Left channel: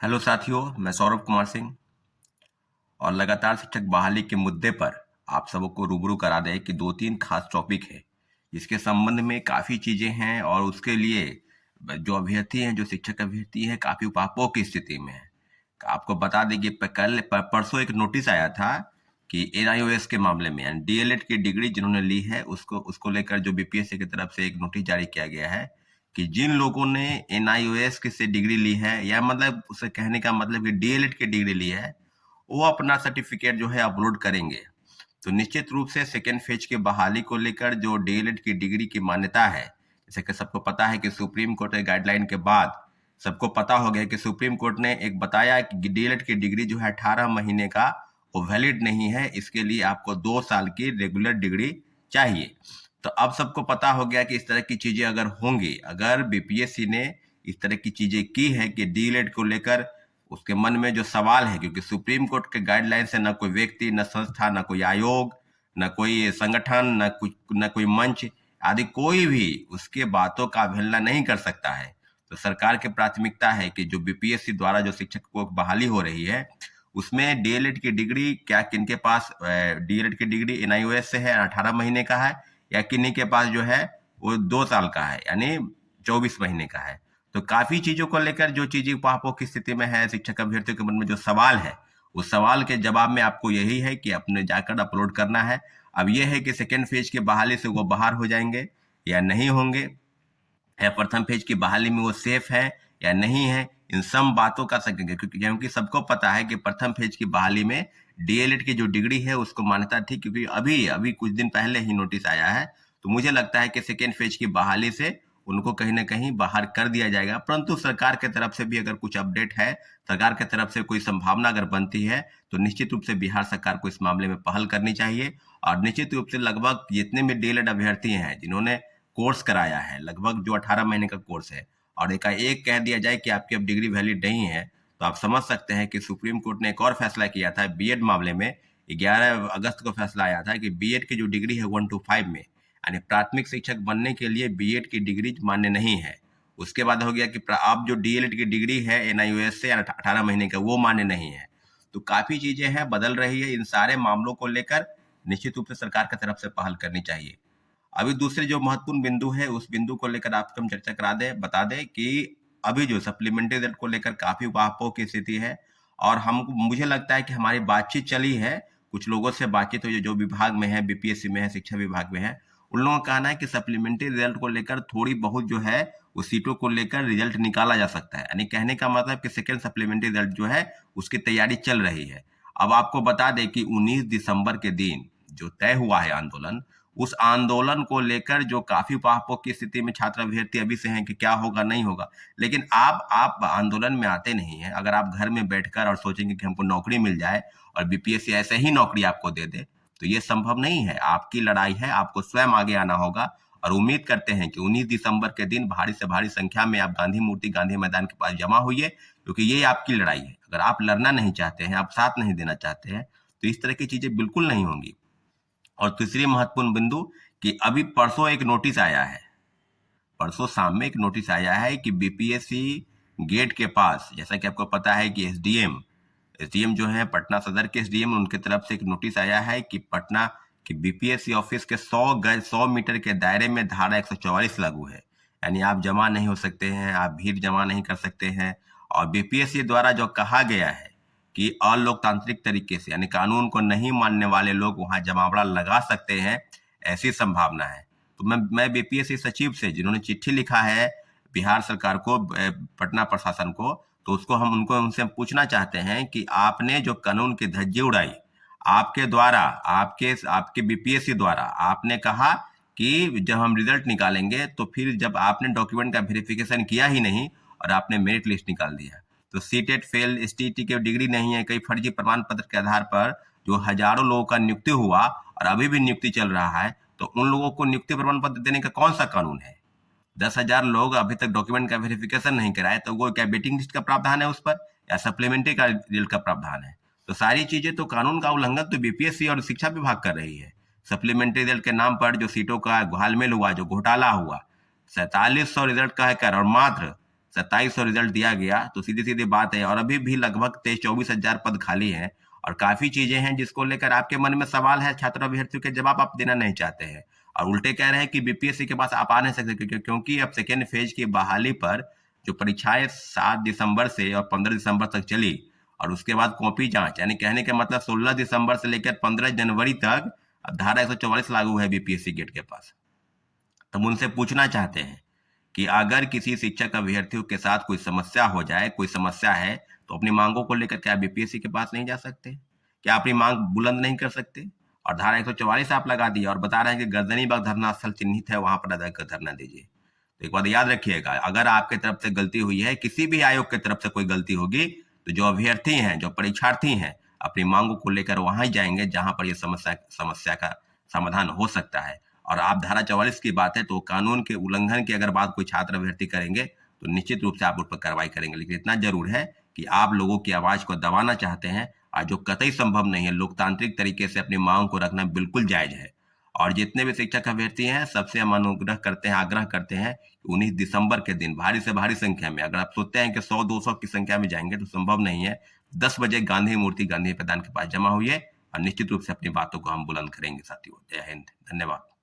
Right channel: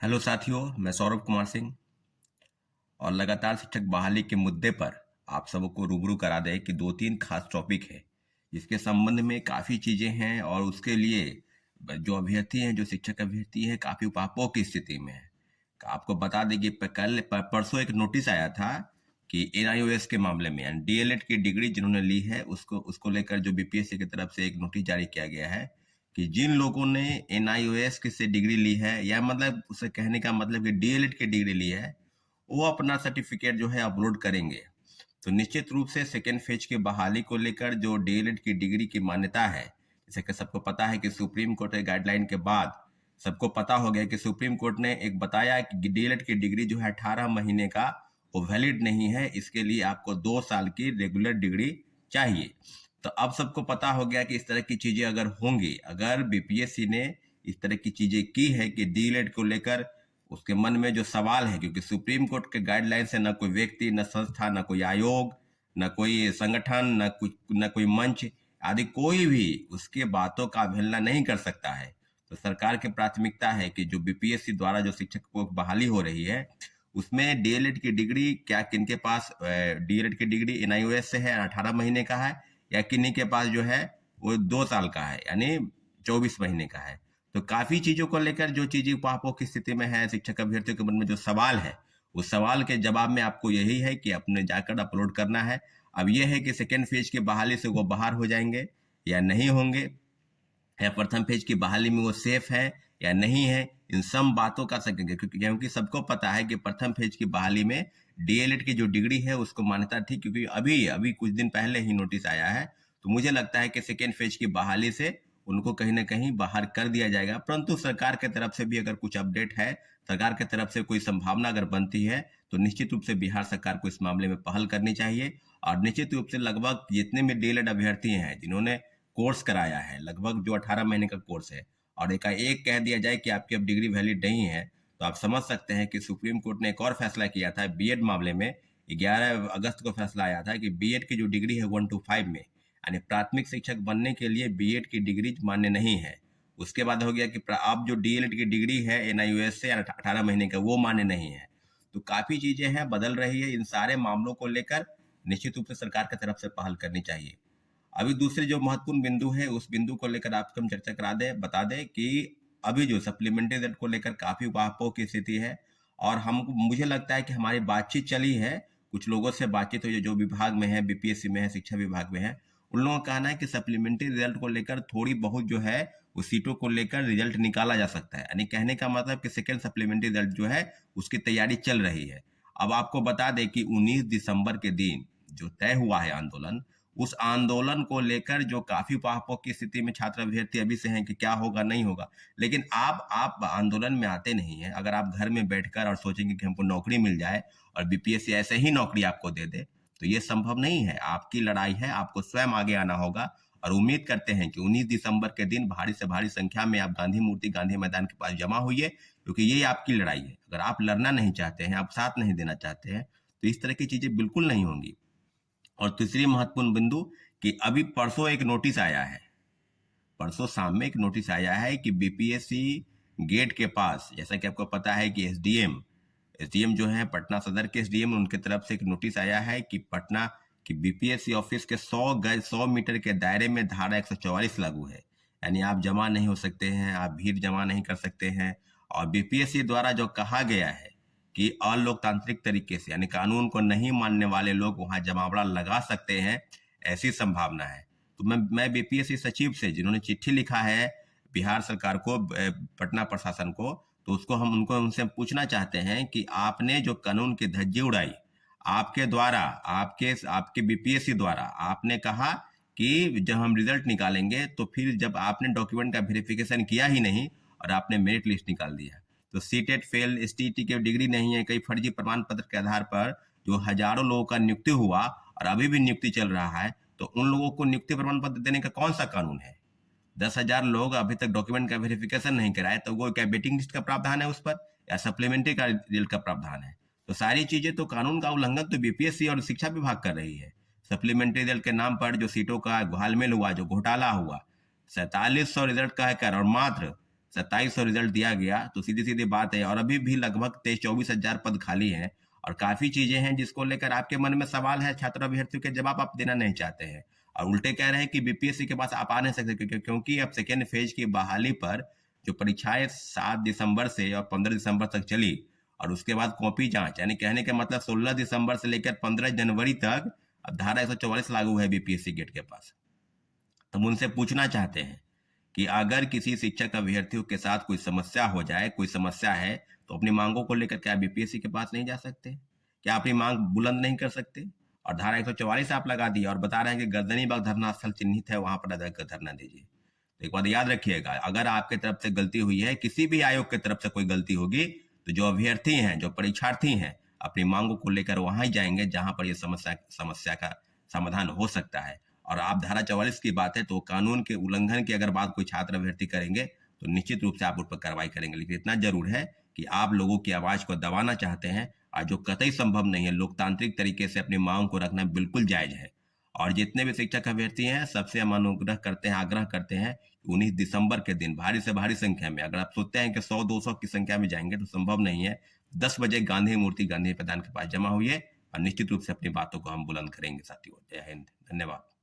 Hello साथियों, मैं सौरभ कुमार सिंह और लगातार शिक्षक बहाली के मुद्दे पर आप सबको रूबरू करा दें कि दो तीन खास टॉपिक है जिसके संबंध में काफ़ी चीज़ें हैं और उसके लिए जो अभ्यर्थी हैं, जो शिक्षक अभ्यर्थी हैं, काफ़ी उपापों की स्थिति में है। आपको बता दें कि परसों एक नोटिस आया था कि एनआईओएस के मामले में यानी डीएलएड की डिग्री जिन्होंने ली है उसको उसको लेकर जो बीपीएससी की तरफ से एक नोटिस जारी किया गया है कि जिन लोगों ने एनआईओएस की से डिग्री ली है या मतलब उसे कहने का मतलब कि डीएलएड की डिग्री ली है, वो अपना सर्टिफिकेट जो है अपलोड करेंगे। तो निश्चित रूप से सेकेंड फेज की बहाली को लेकर जो डीएलएड की डिग्री की मान्यता है, जैसे कि सबको पता है कि सुप्रीम कोर्ट के गाइडलाइन के बाद सबको पता हो गया कि सुप्रीम कोर्ट ने एक बताया कि डीएलएड की डिग्री जो है 18 महीने का वो वैलिड नहीं है, इसके लिए आपको 2 साल की रेगुलर डिग्री चाहिए। तो अब सबको पता हो गया कि इस तरह की चीजें अगर होंगी, अगर बीपीएससी ने इस तरह की चीजें की है कि डीएलएड को लेकर उसके मन में जो सवाल है, क्योंकि सुप्रीम कोर्ट के गाइडलाइन से न कोई व्यक्ति, न संस्था, न कोई आयोग, न कोई संगठन, न कोई मंच आदि कोई भी उसके बातों का अवहेलना नहीं कर सकता है। तो सरकार की प्राथमिकता है कि जो बीपीएससी द्वारा जो शिक्षक को बहाली हो रही है उसमें डीएलएड की डिग्री क्या किनके पास डीएलएड की डिग्री एनआईओएस से है 18 महीने का है या किन्हीं के पास जो है वो 2 साल का है यानी 24 महीने का है। तो काफी चीजों को लेकर जो चीजें उपापों की स्थिति में है, शिक्षक अभ्यर्थियों के मन में जो सवाल है उस सवाल के जवाब में आपको यही है कि अपने जाकर अपलोड करना है। अब यह है कि सेकेंड फेज की बहाली से वो बाहर हो जाएंगे या नहीं होंगे, या प्रथम फेज की बहाली में वो सेफ है या नहीं है, इन सब बातों का सकेंगे क्योंकि सबको पता है कि प्रथम फेज की बहाली में डीएलएड की जो डिग्री है उसको मान्यता थी, क्योंकि अभी अभी कुछ दिन पहले ही नोटिस आया है। तो मुझे लगता है कि सेकेंड फेज की बहाली से उनको कहीं ना कहीं बाहर कर दिया जाएगा, परंतु सरकार की तरफ से भी अगर कुछ अपडेट है, सरकार की तरफ से कोई संभावना अगर बनती है तो निश्चित रूप से बिहार सरकार को इस मामले में पहल करनी चाहिए। और निश्चित रूप से लगभग जितने भी डीएलएड अभ्यर्थी हैं जिन्होंने कोर्स कराया है, लगभग जो 18 महीने का कोर्स है, और एकाएक कह दिया जाए कि आपकी अब डिग्री वैलिड नहीं है, तो आप समझ सकते हैं कि सुप्रीम कोर्ट ने एक और फैसला किया था बीएड मामले में। 11 अगस्त को फैसला आया था कि बीएड की जो डिग्री है 1 to 5 में यानी प्राथमिक शिक्षक बनने के लिए बीएड की डिग्री मान्य नहीं है। उसके बाद हो गया कि अब जो डीएलएड की डिग्री है एनआईओएस से 18 महीने का वो मान्य नहीं है। तो काफी चीजें हैं, बदल रही है। इन सारे मामलों को लेकर निश्चित रूप से सरकार की तरफ से पहल करनी चाहिए। अभी दूसरे जो महत्वपूर्ण बिंदु है उस बिंदु को लेकर आपको हम चर्चा करा दें, बता दें कि अभी जो सप्लीमेंट्री रिजल्ट को लेकर काफी वाकई की स्थिति है और हम मुझे लगता है कि हमारी बातचीत चली है, कुछ लोगों से बातचीत हुई जो विभाग में है, बीपीएससी में है, शिक्षा विभाग में है, उन लोगों का कहना है कि सप्लीमेंट्री रिजल्ट को लेकर थोड़ी बहुत जो है वो सीटों को लेकर रिजल्ट निकाला जा सकता है। यानी कहने का मतलब कि सेकेंड सप्लीमेंट्री रिजल्ट जो है उसकी तैयारी चल रही है। अब आपको बता दें कि 19 दिसंबर के दिन जो तय हुआ है आंदोलन, उस आंदोलन को लेकर जो काफी पापों की स्थिति में छात्र अभ्यर्थी अभी से हैं कि क्या होगा नहीं होगा। लेकिन आप आंदोलन में आते नहीं हैं, अगर आप घर में बैठकर और सोचेंगे कि हमको नौकरी मिल जाए और बीपीएससी ऐसे ही नौकरी आपको दे दे, तो ये संभव नहीं है। आपकी लड़ाई है, आपको स्वयं आगे आना होगा। और उम्मीद करते हैं कि 19 दिसंबर के दिन भारी से भारी संख्या में आप गांधी मूर्ति, गांधी मैदान के पास जमा हुई, क्योंकि ये आपकी लड़ाई है। अगर आप लड़ना नहीं चाहते हैं, आप साथ नहीं देना चाहते हैं, तो इस तरह की चीजें बिल्कुल नहीं होंगी। और तीसरी महत्वपूर्ण बिंदु कि अभी परसों एक नोटिस आया है, परसों शाम में एक नोटिस आया है कि बीपीएससी गेट के पास, जैसा कि आपको पता है कि एसडीएम जो है पटना सदर के एसडीएम, उनके तरफ से एक नोटिस आया है कि पटना की बीपीएससी ऑफिस के 100 मीटर के दायरे में धारा 144 लागू है। यानी आप जमा नहीं हो सकते हैं, आप भीड़ जमा नहीं कर सकते हैं। और बीपीएससी द्वारा जो कहा गया है कि अलोकतांत्रिक तरीके से यानी कानून को नहीं मानने वाले लोग वहां जमावड़ा लगा सकते हैं, ऐसी संभावना है। तो मैं बीपीएससी सचिव से, जिन्होंने चिट्ठी लिखा है बिहार सरकार को, पटना प्रशासन को, तो उसको हम उनसे पूछना चाहते हैं कि आपने जो कानून की धज्जी उड़ाई, आपके द्वारा, आपके बीपीएससी द्वारा आपने कहा कि जब हम रिजल्ट निकालेंगे तो फिर जब आपने डॉक्यूमेंट का वेरिफिकेशन किया ही नहीं और आपने मेरिट लिस्ट निकाल दिया। तो सीटेट फेल, एसटीटी की डिग्री नहीं है, कई फर्जी प्रमाण पत्र के आधार पर जो हजारों लोगों का नियुक्ति हुआ और अभी भी नियुक्ति चल रहा है, तो उन लोगों को नियुक्ति प्रमाण पत्र देने का कौन सा कानून है? 10,000 लोग अभी तक डॉक्यूमेंट का वेरिफिकेशन नहीं कराए, तो वो क्या वेटिंग लिस्ट का प्रावधान है उस पर या सप्लीमेंट्री का रिजल्ट का प्रावधान है? तो सारी चीजें तो कानून का उल्लंघन तो बीपीएससी और शिक्षा विभाग कर रही है। सप्लीमेंट्री रिजल्ट के नाम पर जो सीटों का घालमेल हुआ, जो घोटाला हुआ, 4700 रिजल्ट का है कर और मात्र 2700 रिजल्ट दिया गया, तो सीधी सीधी बात है, और अभी भी लगभग 23-24 हजार पद खाली हैं और काफी चीजें हैं जिसको लेकर आपके मन में सवाल है, छात्र अभ्यर्थियों के जवाब आप देना नहीं चाहते हैं और उल्टे कह रहे हैं कि बीपीएससी के पास आप आ नहीं सकते, क्योंकि अब सेकेंड फेज की बहाली पर जो परीक्षाएं 7 दिसंबर से और 15 दिसंबर तक चली और उसके बाद कॉपी जांच, यानी कहने के मतलब 16 दिसंबर से लेकर 15 जनवरी तक अब धारा 144 लागू है बीपीएससी गेट के पास। हम उनसे पूछना चाहते हैं कि अगर किसी शिक्षक अभ्यर्थियों के साथ कोई समस्या हो जाए, कोई समस्या है, तो अपनी मांगों को लेकर क्या बीपीएससी के पास नहीं जा सकते? क्या अपनी मांग बुलंद नहीं कर सकते? और धारा 144 आप लगा दिए और बता रहे हैं कि गर्दनीबाग धरना स्थल चिन्हित है, वहां पर जाकर धरना दीजिए। तो एक बात याद रखिएगा, अगर आपके तरफ से गलती हुई है, किसी भी आयोग की तरफ से कोई गलती होगी, तो जो अभ्यर्थी हैं, जो परीक्षार्थी हैं, अपनी मांगों को लेकर वहां ही जाएंगे जहां पर यह समस्या का समाधान हो सकता है। और आप धारा 44 की बात है, तो कानून के उल्लंघन की अगर बात कोई छात्र अभ्यर्थी करेंगे तो निश्चित रूप से आप उन पर कार्रवाई करेंगे। लेकिन इतना जरूर है कि आप लोगों की आवाज को दबाना चाहते हैं और जो कतई संभव नहीं है, लोकतांत्रिक तरीके से अपनी मांग को रखना बिल्कुल जायज है। और जितने भी शिक्षक अभ्यर्थी हैं, सबसे हम अनुग्रह करते हैं, आग्रह करते हैं कि 19 दिसंबर के दिन भारी से भारी संख्या में, अगर आप सोचते हैं कि 100-200 की संख्या में जाएंगे तो संभव नहीं है, 10 बजे गांधी मूर्ति गांधी मैदान के पास जमा हुई है और निश्चित रूप से अपनी बातों को हम बुलंद करेंगे। साथियों, जय हिंद, धन्यवाद।